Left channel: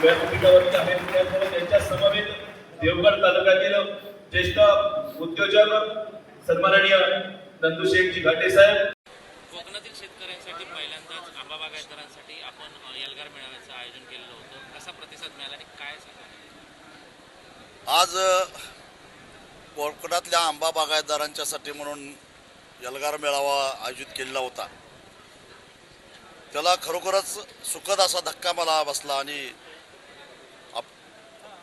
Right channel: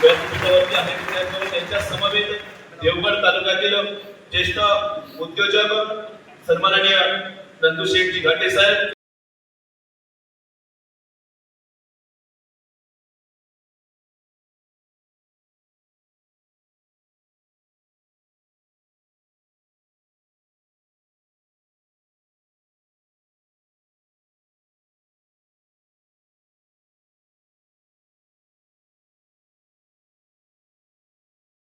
व्यासपीठावरती आहेत त्याचबरोबर त्यांच्या समवेत देवगड तालुक्यातील ज्येष्ठ उद्योजक सन्माननीय नंदुशेठजी घाटे साहेब. कोकणातील शेतकऱ्यांसाठी पहिल्यांदाच आंबा बागायतदारांसाठी आपण अ, एल्गार मेळाव्याचं आयोजन केलेलं होतं. कसा प्रतिसाद मिळाला आणि काय सांगा आज कोकणातल्या आंबा बागायतदारांच्यासाठी म्हणून यलगार मेळावा आयोजित केलेला होता. त्याला खरोखरच सुखद असा धक्का मला बसला आणि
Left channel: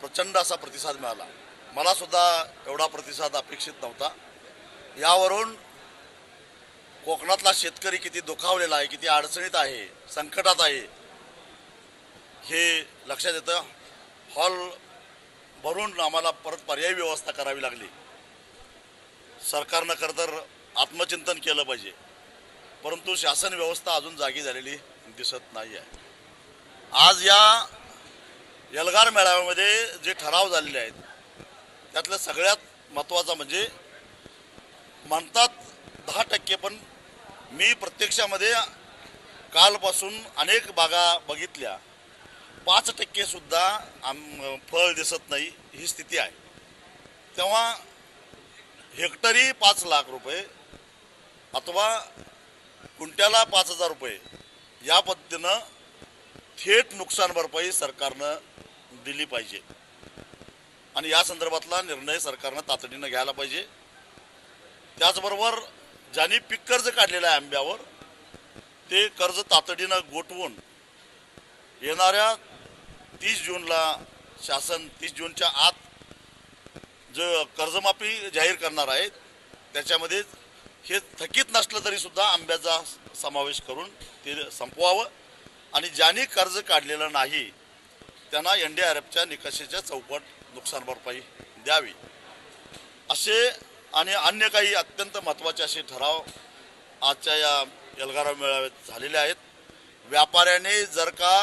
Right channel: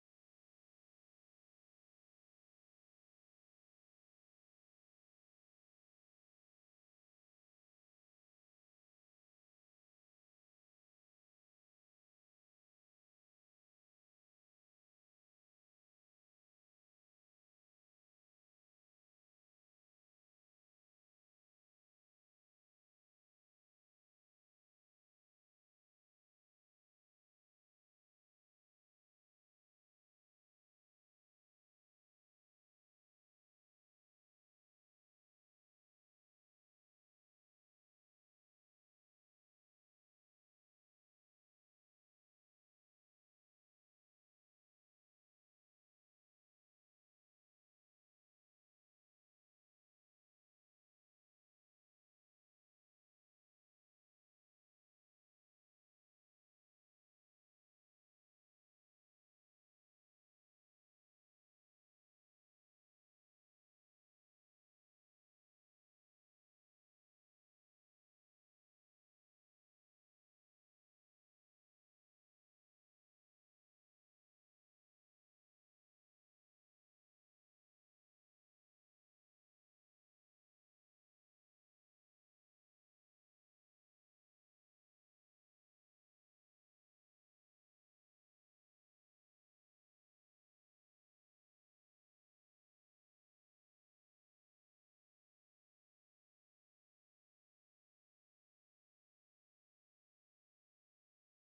प्रचंड असा प्रतिसाद मिळाला. मला सुद्धा एवढा प्रतिसाद अपेक्षित नव्हता. यावरून कोकणातला शेतकरी किती दुखावलेला आहे किती अडचणीत आहे संकटात आहे हे लक्षात येतं. हॉल भरून आम्हाला परत पर्यायी व्यवस्था करावी लागली. सरकारनं खरं तर आत्मचिंतन केलं पाहिजे. परंतु शासन व्यवस्था अजून जागी झालेली दिसत नाही आहे आज या एल्गार मेळाव्यामध्ये जे ठराव झालेले आहेत त्यातलं सगळ्यात महत्त्वाचा म्हणजे म्हणतात दहा टक्के पण मी प्रत्यक्षामध्ये कालपासून अनेक बागा बघितल्या. पाच टक्केसुद्धा आम फळ दिसत नाही ही स्थिती आहे. तेव्हा हेक्टरी पाच लाख रुपये अथवा कुंट्याला पाच हजार रुपये या पद्धतीनं थेट नुकसान भरपाई सरकारनं दिली पाहिजे. आणि या संदर्भातला निर्णय सरकारनं तातडीनं घ्यायला पाहिजे. त्याचबरोबर ज्यांनी पीक कर्ज काढलेलं आहे आंब्यावर ते कर्ज तातडीनं गोठवून येणाऱ्या तीस जूनला शासन तीस जूनच्या आत जो कर्जमाफी जाहीर करणार आहे त्याच्यामध्ये हे थकीत नसलं तरीसुद्धा आंब्याचा समावेश करून ते संपवावं. आणि ज्यांनी कर्ज काढलेलं नाही त्यांना एन डी आर एफच्या निकषाच्या चौपट नुकसान भरपाई द्यावी. असे आणि अन्य काही अत्यंत महत्त्वाचे असे ठराव आजच्या या एल्गारा मेळाव्यात झालेले आहेत. व्यापाऱ्याने जर का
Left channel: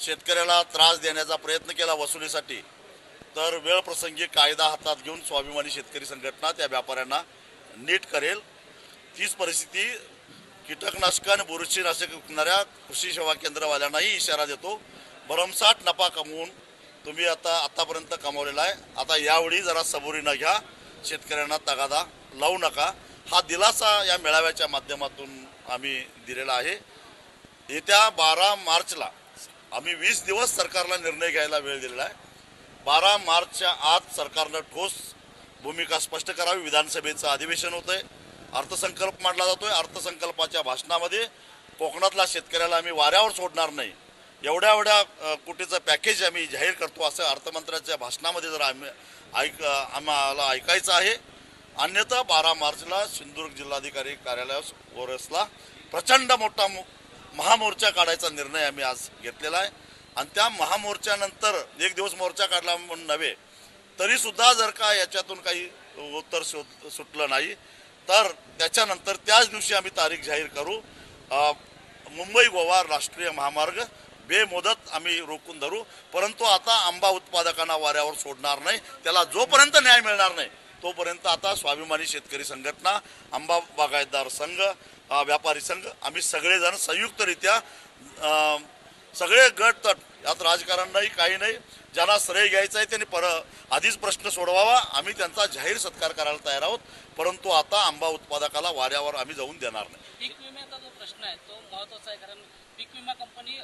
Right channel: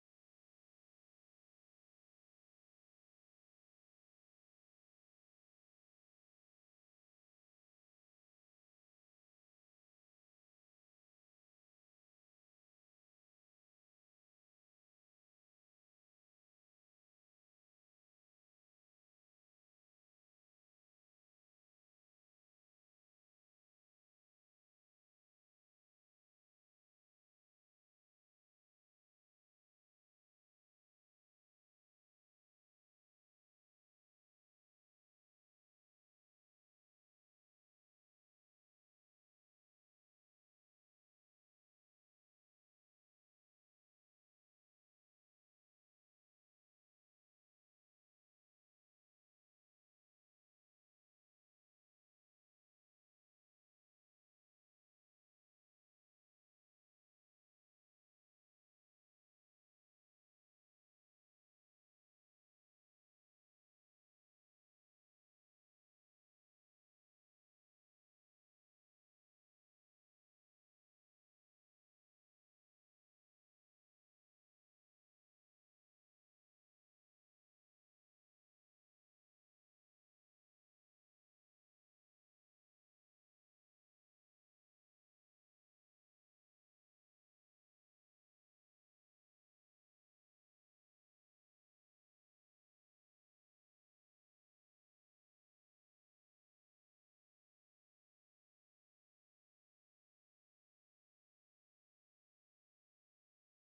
शेतकऱ्याला त्रास देण्याचा प्रयत्न केला वसुलीसाठी तर वेळप्रसंगी कायदा हातात घेऊन स्वाभिमानी शेतकरी संघटना त्या व्यापाऱ्यांना नीट करेल. तीच परिस्थिती कीटकनाशक आणि बुरशीनाशक विकणाऱ्या कृषी सेवा केंद्रवाल्यांनाही इशारा देतो. भरमसाठ नफा कमवून तुम्ही आता आतापर्यंत कमावलेला आहे. आता यावेळी जरा सबुरीनं घ्या. शेतकऱ्यांना तगादा लावू नका. हा दिलासा या मेळाव्याच्या माध्यमातून आम्ही दिलेला आहे. येत्या बारा मार्चला आम्ही वीस दिवस सरकारला निर्णय घ्यायला वेळ दिलेला आहे. बारा मार्चच्या आत सरकारनं ठोस भूमिका स्पष्ट करावी. विधानसभेचं अधिवेशन होतंय. अर्थसंकल्प मांडला जातोय. अर्थसंकल्पाच्या भाषणामध्ये कोकणातल्या शेतकऱ्याला आम्ही वाऱ्यावर सोडणार नाही. एवढ्या एवढ्या कोटीचं पॅकेज आम्ही जाहीर करतो असं अर्थमंत्र्याच्या भाषणामध्ये जर आम्ही ऐक आम्हाला ऐकायचं आहे. अन्यथा बारा मार्चला सिंधुदुर्ग जिल्हाधिकारी कार्यालयास ओरसला प्रचंड मोठा महामोर्चा काढायचा निर्णय आम्ही आज घेतलेला आहे. आणि त्या महामोर्चानंतर एक दिवस मोर्चा काढला म्हणून नव्हे तरीसुद्धा जर का याच्यातून काही उत्तर शोध सुटलं नाही तर त्याच्यानंतर त्याच दिवशी आम्ही तारीख जाहीर करू. मुंबई गोवा राष्ट्रीय महामार्ग बेमुदत आम्ही रोखून धरू. परंतु आता आंबा उत्पादकांना वाऱ्यावर सोडणार नाही. त्याला जोपर्यंत न्याय मिळणार नाही तोपर्यंत आता स्वाभिमानी शेतकरी संघटना आंबा बागायतदार संघ व्यापारी संघ आम्ही सगळेजण संयुक्तरित्या सगळे गट तट यात राजकारण नाही काही नाही. ज्यांना श्रेय घ्यायचं आहे त्यांनी पर आधीच प्रश्न सोडवावा. आम्ही त्यांचा जाहीर सत्कार करायला तयार आहोत. परंतु आता आंबा उत्पादकाला वाऱ्यावर आम्ही जाऊन देणार नाही. प्रश्न आहे तो महत्त्वाचा आहे कारण पीक विमा कंपनी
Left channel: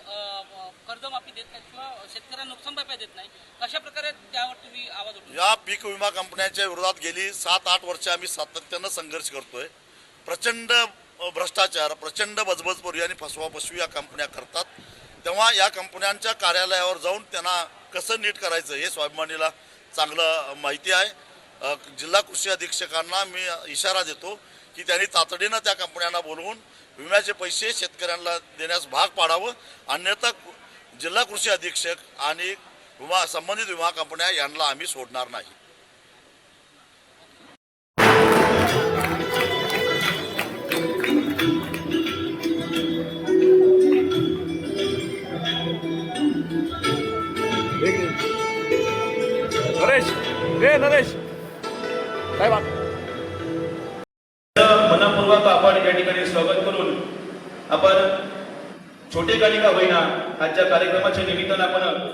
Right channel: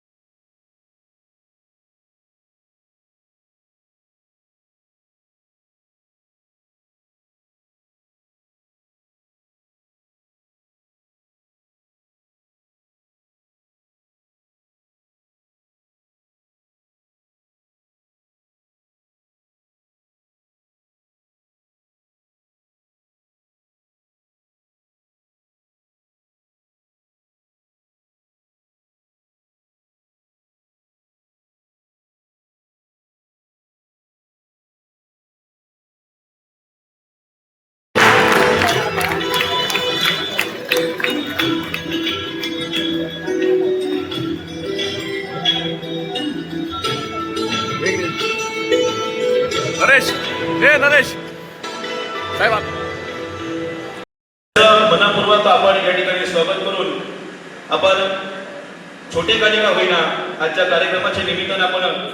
कर्जमाफी देत नाही किंवा शेतकऱ्यांना नुकसान भरपाई देत नाही कशा प्रकारे त्यावर तुम्ही आवाज उठवला या पीक विमा कंपन्यांच्या विरोधात गेली सात आठ वर्ष आम्ही सातत्यानं संघर्ष करतोय. प्रचंड भ्रष्टाचार प्रचंड बजबजपुरी आणि फसवाफसवी या कंपन्या करतात. तेव्हा या कंपन्यांच्या कार्यालयावर जाऊन त्यांना कसं नीट करायचं हे स्वाभिमानीला चांगलं माहिती आहे. जिल्हा कृषी अधीक्षकांना मी इशारा देतो की त्यांनी तातडीनं त्या कंपन्यांना बोलवून विम्याचे पैसे शेतकऱ्यांना देण्यास भाग पाडावं. अन्यथा जिल्हा कृषी अधीक्षक आणि विमा संबंधित विमा कंपन्या यांना आम्ही सोडणार नाही. नरेश. ए नरेश. साहेब आपण छोटे का होईना आजच्या कार्यक्रमाच्या निमित्तानं आपण